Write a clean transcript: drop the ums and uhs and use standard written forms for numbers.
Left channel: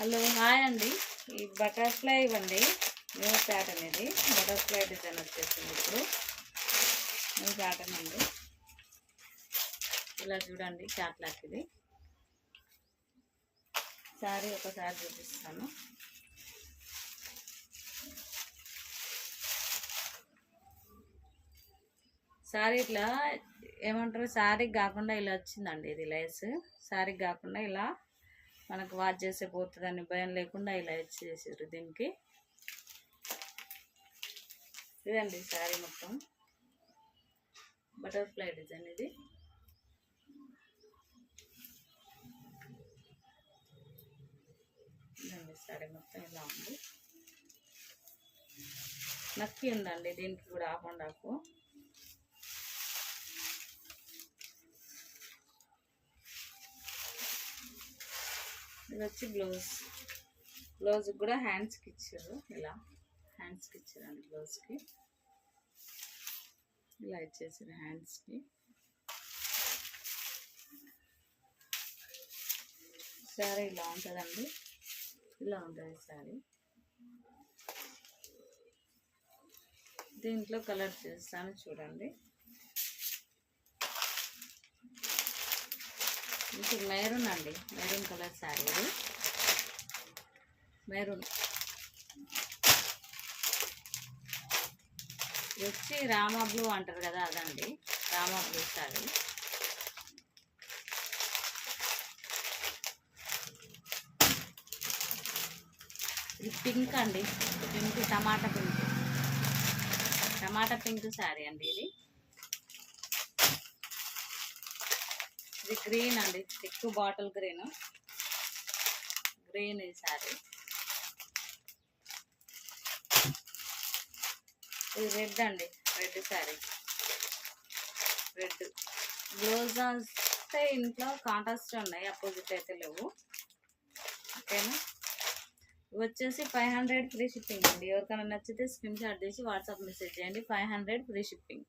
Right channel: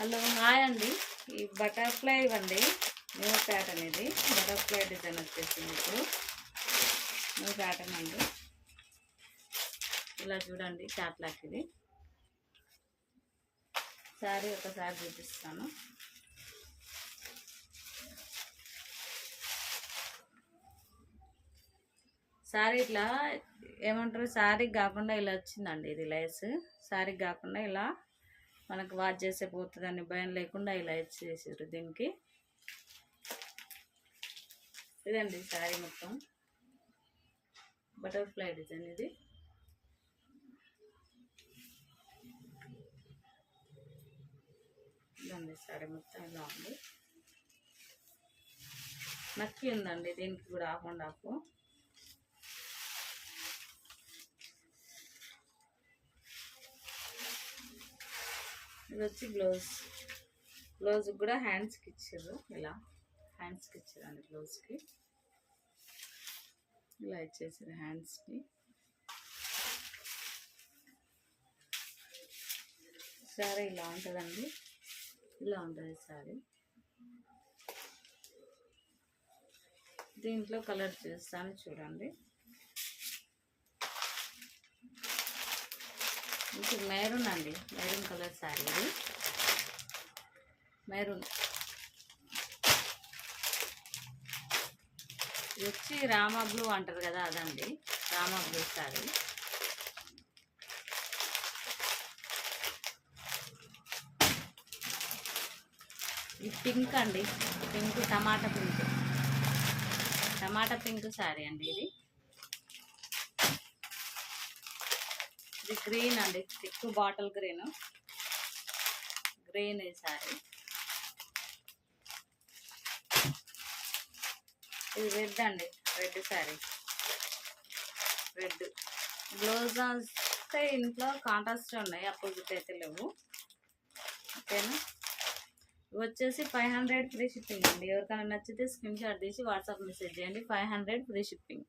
Hello hi అండి. ఈ butterfly ఇవ్వండి, న్యూ ప్యాటర్న్. ఇది బటర్ఫ్లై డిజైన్ వచ్చేసింది. ఇప్పుడు న్యూ ప్యాటర్న్ అండి. ఇలా చూడండి, క్యాట్లాక్ ఇది. శారీ ఒకసారి చూపిస్తాను. శారీ ఇట్లా ఏమంటారు, శారీకి కాకుండా ఇలా వచ్చిందండి. ఇది లైస్ శారీకి కాకుండా ఇలా మనకు వాచ్ చేసే పోతుందని భయం లేకుండా ఇలా ఇచ్చేసారు దీనికి. ఇదండి శారీ మొత్తం బటర్ఫ్లై డిజైన్. ఇది ఇదండి శారీ మొత్తం ఇలా ఉంది. నక్కి ఉందండి దీనికి కూడా, హాఫ్ అండ్ హాఫ్. ఇది వచ్చి బ్లౌజ్ కూడా హ్యాండ్స్కి ఇచ్చారు. ఇలా హ్యాండ్స్కి ఇచ్చారండి. బ్లౌజ్కి ఇలా ఇచ్చేసారు హ్యాండ్స్కి. శారీ ఇలా ఉంటుందండి. ఇలా ఉంటుంది శారీ. దీంట్లో కలర్ చూస్తాను చూడండి. ఇది మెరూన్ అండి, మెరూన్ కలర్ శారీ. ఇది మెరూన్. ఇది వచ్చి రామా బ్లూ అంటారు కదా, అదండి రామా బ్లూ శారీ. ఇది పింక్ అండి, పింక్ టమాటా పింక్ శారీ అండి. ఇది గ్రీన్ అండి, థిక్ బాటిల్ గ్రీన్ ఈ శారీ. ఇది రెడ్ అండి, రెడ్ శారీ. రెడ్ బ్లౌజ్ వస్తే ఇంట్లో కాంట్రాస్ట్ ఉన్నాయి, అపోజిట్ అయితే లేవు. ఓకేనా. ఇవి వచ్చేసి 500 ఫ్రీ షిప్పింగ్ అండి. ఎవరికైనా నచ్చితే స్క్రీన్ షాట్ తీసి వాట్సాప్ మెసేజ్ చేయండి. 500 ఫ్రీ షిప్పింగ్.